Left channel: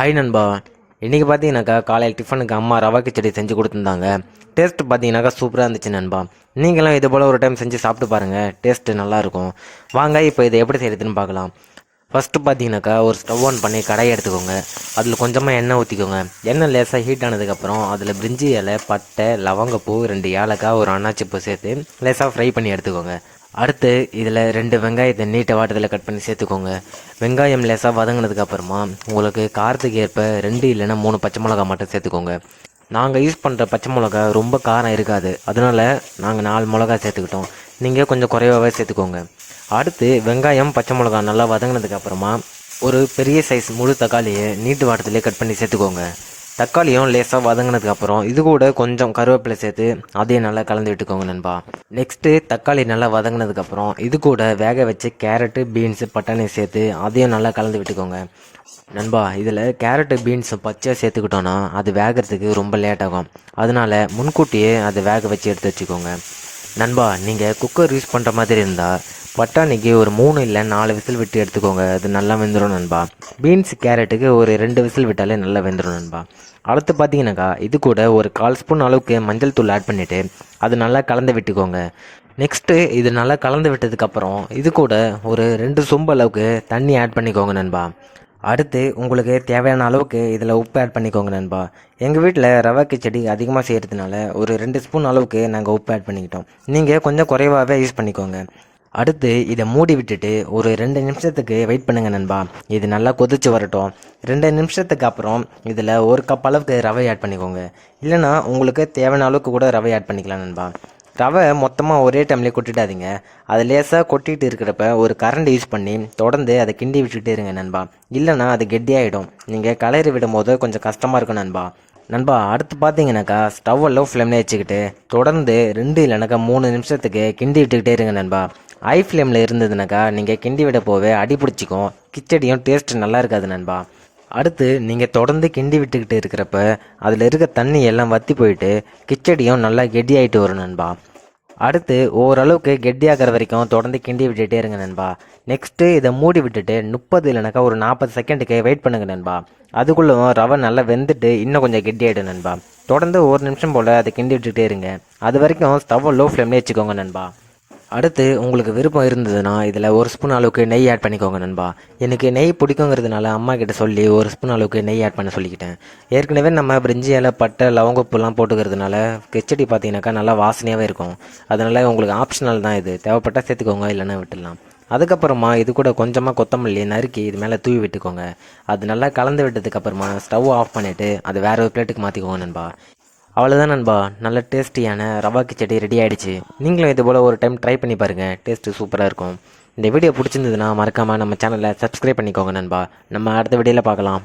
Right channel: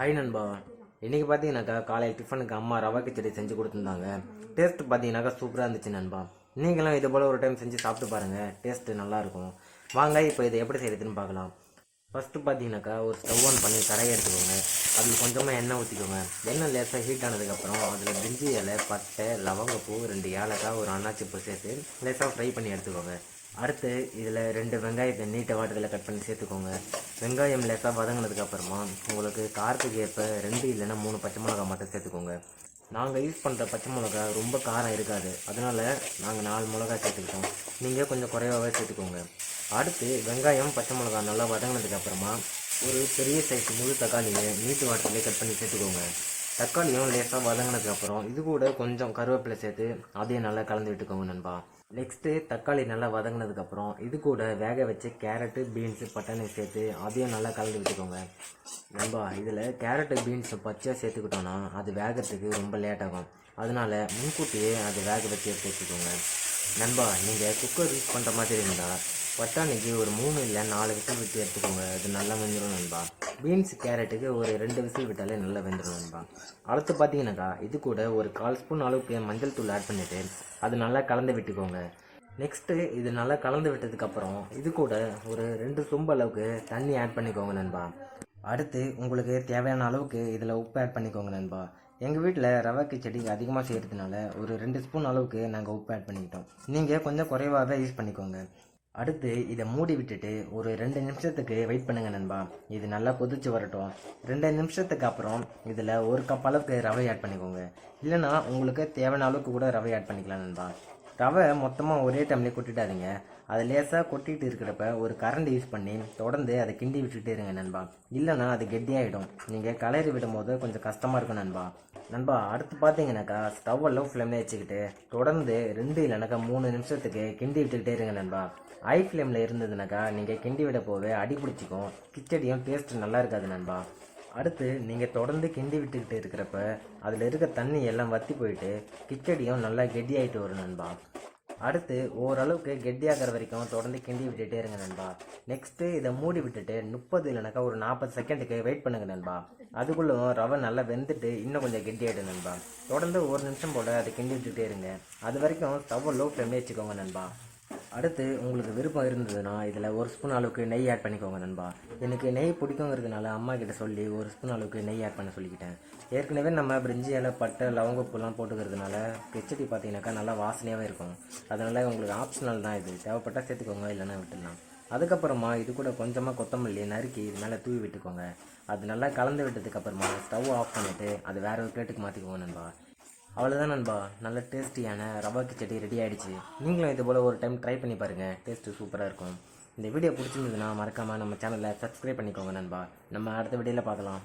Hi நண்பா. இன்றைக்கி பார்த்தீங்கன்னாக்கா காலையில் டிஃபனுக்கு அம்மா ரவா கிச்சடி செஞ்சு கொடுத்துருந்தாங்க. டேஸ்ட்டு பார்த்தீங்கன்னாக்கா சூப்பராக இருந்துச்சு நண்பா. நீங்களும் இது போல் ஒரு டைம் செஞ்சு சாப்பிட்டு பாருங்கள், டேஸ்ட்டு நல்லாயிருக்கும். வாங்க இப்போ இதை எப்படி செய்கிறதுன்னு பார்க்கலாம். ஃபஸ்ட்டு பார்த்தீங்கன்னாக்கா ஒரு ஸ்டவ் ஆன் பண்ணி கடாயை எடுத்துக்கோங்க. அதில் கொஞ்சமாக எண்ணெய் ஊற்றிக்கோங்க. எண்ணெய் லேசாக ஹீட் ஆனதுக்கப்புறம் அதில் பிரிஞ்சி இலை, பட்டை, லவங்கப்பூ, 2 ஏலக்காய், ஒரு அன்னாச்சிப்பூ சேர்த்து லேசாக ஃப்ரை பண்ணி எடுத்துக்கோங்க. அடுத்து இதில் 2 வெங்காயத்தை நீட்டை வாட்டத்தில் கட் பண்ணி சேர்த்துக்கோங்க. வெங்காயம் லேசாக வதங்கினதுக்கப்புறமா உங்களுக்கு காரத்துக்கு ஏற்ப 2 இல்லைன்னா 3 பச்சை மிளகா மட்டும் சேர்த்துக்கோங்க. நாங்கள் யூஸ் பண்ணுற பச்சை மிளகா ரொம்ப காரம் இருக்காது, அதனால் நாங்கள் 4 மிளகா சேர்த்துக்கிட்டோம். நீங்கள் கொஞ்சம் குறைவாகவே சேர்த்துக்கோங்க. அடுத்து வெங்காயம், பச்சை மிளகா நல்லா வதங்கினதுக்கப்புறமா ஒரு பெரிய சைஸ் முழு தக்காளியை நீட்டு வாட்டத்திலே கட் பண்ணி சேர்த்துக்கோங்க. தக்காளியும் லேசாக வதங்கினதுக்கப்புறம் இது கூட கொஞ்சம் கருவேப்பிலை சேர்த்து அதையும் நல்லா கலந்து விட்டுக்கோங்க நண்பா. நெக்ஸ்ட்டு தக்காளி நல்லா வதங்கினதுக்கப்புறம் இது கூட வேக வச்சு கேரட்டு, பீன்ஸு, பட்டாணி சேர்த்து அதையும் நல்லா கலந்து விட்டுக்கோங்க நண்பா. இதில் கேரட்டு, பீன்ஸு பச்சையாக சேர்த்துக்கிட்டோன்னா அது வேகிறதுக்கு ரொம்ப லேட் ஆகும். அதனால் முன்கூட்டியே அதை வேக வச்சு எடுத்து வச்சுக்கோங்க நண்பா. நீங்கள் குக்கர் யூஸ் பண்ணுற மாதிரி இருந்தால் பட்டாணிக்கு ஒரு 3 இல்லை 4 விசில் விட்டு எடுத்துக்கோங்க, அது நல்லா வெந்துடும் நண்பா. பீன்ஸ், கேரட்டுக்கு ஒரு 2 விசில் விட்டாலே நல்லா வெந்துடும் நண்பா. அடுத்து பார்த்தீங்கன்னாக்கா இது கூட ஒரு 1/4 ஸ்பூன் அளவுக்கு மஞ்சள் தூள் ஆட் பண்ணிவிட்டு அது நல்லா கலந்து விட்டுக்கோங்க. நெக்ஸ்ட்டு இது நல்லா கலந்து விட்டதுக்கப்புறம் இது கூட ஒரு 2 சொம்பு அளவுக்கு தண்ணி ஆட் பண்ணிக்கோங்க நண்பா. அடுத்து உங்களுக்கு தேவையான அளவுக்கு இதில் உப்பு ஆட் பண்ணிக்கோங்க நண்பா. எங்கள் வீட்டில் ரவா கிச்சடி அதிகமாக செய்கிறதுனால ஒரு 2 ஸ்பூன் அளவுக்கு நாங்கள் உப்பு ஆட் பண்ணிக்கிட்டோம். நீங்கள் கொஞ்சம் குறைவாகவே யூஸ் பண்ணிக்கோங்க. அடுத்து இதை மூடி விட்டுட்டு ஒரு 2 நிமிஷத்துக்கு வெயிட் பண்ணுங்கள் நண்பா. இது நல்லா கொதிச்சு வரட்டும். 2 நிமிஷத்துக்கு அப்புறம் இதில் 1 கப் அளவுக்கு ரவை ஆட் பண்ணிக்கோங்க. இல்லைனா உங்களுக்கு தேவையான அளவுக்கு கூட ரவை ஆட் பண்ணிக்கலாம் நண்பா. ரவை மொத்தமாக ஒரே டைம்லேயே கொட்டிடாதீங்க. அது லேசாக கொட்டிகிட்டு இருக்கிறப்ப ஒரு கரண்ட் யூஸ் பண்ணி தொடர்ந்து அதை கிண்டி விட்டுட்டே இருங்க நண்பா. இல்லைனா அது கெட்டியாகிடும். நீங்கள் கலரி விடும் போது கொஞ்சம் கஷ்டமாக இருக்கும் நண்பா. அடுத்து பார்த்தீங்கன்னாக்கா ஸ்டவ்வை லோ ஃப்ளேம்லேயே வச்சுக்கிட்டு தொடர்ந்து 2 இல்லைனாக்கா 3 நிமிஷத்துக்கு கிண்டி விட்டுக்கிட்டே இருங்க நண்பா. ஹை ஃப்ளேமில் இருந்ததுனாக்கா நீங்கள் கிண்டி விட போவே அடி பிடிச்சிக்கும், கிச்சடியும் டேஸ்ட் நல்லா இருக்காது நண்பா. அடுத்து நீங்கள் தொடர்ந்து கிண்டி விட்டுக்கிட்டு இருக்கிறப்ப அதில் இருக்க தண்ணி எல்லாம் வற்றி போயிட்டு கிச்சடியும் நல்லா கெட்டியாகிட்டு வரும் நண்பா. அடுத்து ஓரளவுக்கு கெட்டியாகிற வரைக்கும் தொடர்ந்து கிண்டி விட்டுகிட்டே இருங்க நண்பா. நெக்ஸ்ட்டு இதை மூடி விட்டுட்டு 30 இல்லைனாக்கா ஒரு 40 செகண்டுக்கு வெயிட் பண்ணுங்க நண்பா. அதுக்குள்ளே ரவை நல்லா வெந்துட்டு இன்னும் கொஞ்சம் கெட்டியாகிடும் நண்பா. தொடர்ந்து 1 நிமிஷம் போல் அதை கிண்டி விட்டுகிட்டே இருங்க. அது வரைக்கும் ஸ்டவ்வை லோ ஃப்ளேம்லேயே வச்சுக்கோங்க நண்பா. அடுத்து உங்களுக்கு விருப்பம் இருந்ததுன்னா இதில் 1 ஸ்பூன் அளவுக்கு நெய் ஆட் பண்ணிக்கோங்க நண்பா. எனக்கு நெய் பிடிக்குங்கிறதுனால அம்மா கிட்ட சொல்லி 1 ஸ்பூன் அளவுக்கு நெய் ஆட் பண்ண சொல்லிக்கிட்டேன். ஏற்கனவே நம்ம பிரிஞ்சி இலை, பட்டை, லவங்கப்பூலாம் போட்டுக்கிறதுனால கிச்சடி பார்த்தீங்கன்னாக்கா நல்லா வாசனையாகவே இருக்கும். அதனால் உங்களுக்கு ஆப்ஷனல் தான், இது தேவைப்பட்டால் சேர்த்துக்கோங்க, இல்லைன்னா விட்டுடலாம். அதுக்கப்புறமா இது கூட கொஞ்சமாக கொத்தமல்லி நறுக்கி இது மேலே தூவி விட்டுக்கோங்க. அது நல்லா கலந்து விட்டதுக்கப்புறமா ஸ்டவ் ஆஃப் பண்ணிவிட்டு அது வேறு ஒரு பிளேட்டுக்கு மாற்றிக்கோங்க நண்பா. அவ்வளோதான் நண்பா, நல்ல டேஸ்டியான ரவா கிச்சடி ரெடி ஆகிடுச்சு. நீங்களும் இது போல் ஒரு டைம் ட்ரை பண்ணி பாருங்கள், டேஸ்ட்டு சூப்பராக இருக்கும். இந்த வீடியோ பிடிச்சிருந்ததுன்னா மறக்காமல் நம்ம சேனலை சப்ஸ்கிரைப் பண்ணிக்கோங்க நண்பா. நம்ம அடுத்த வீடியோவில் பார்க்கலாம்.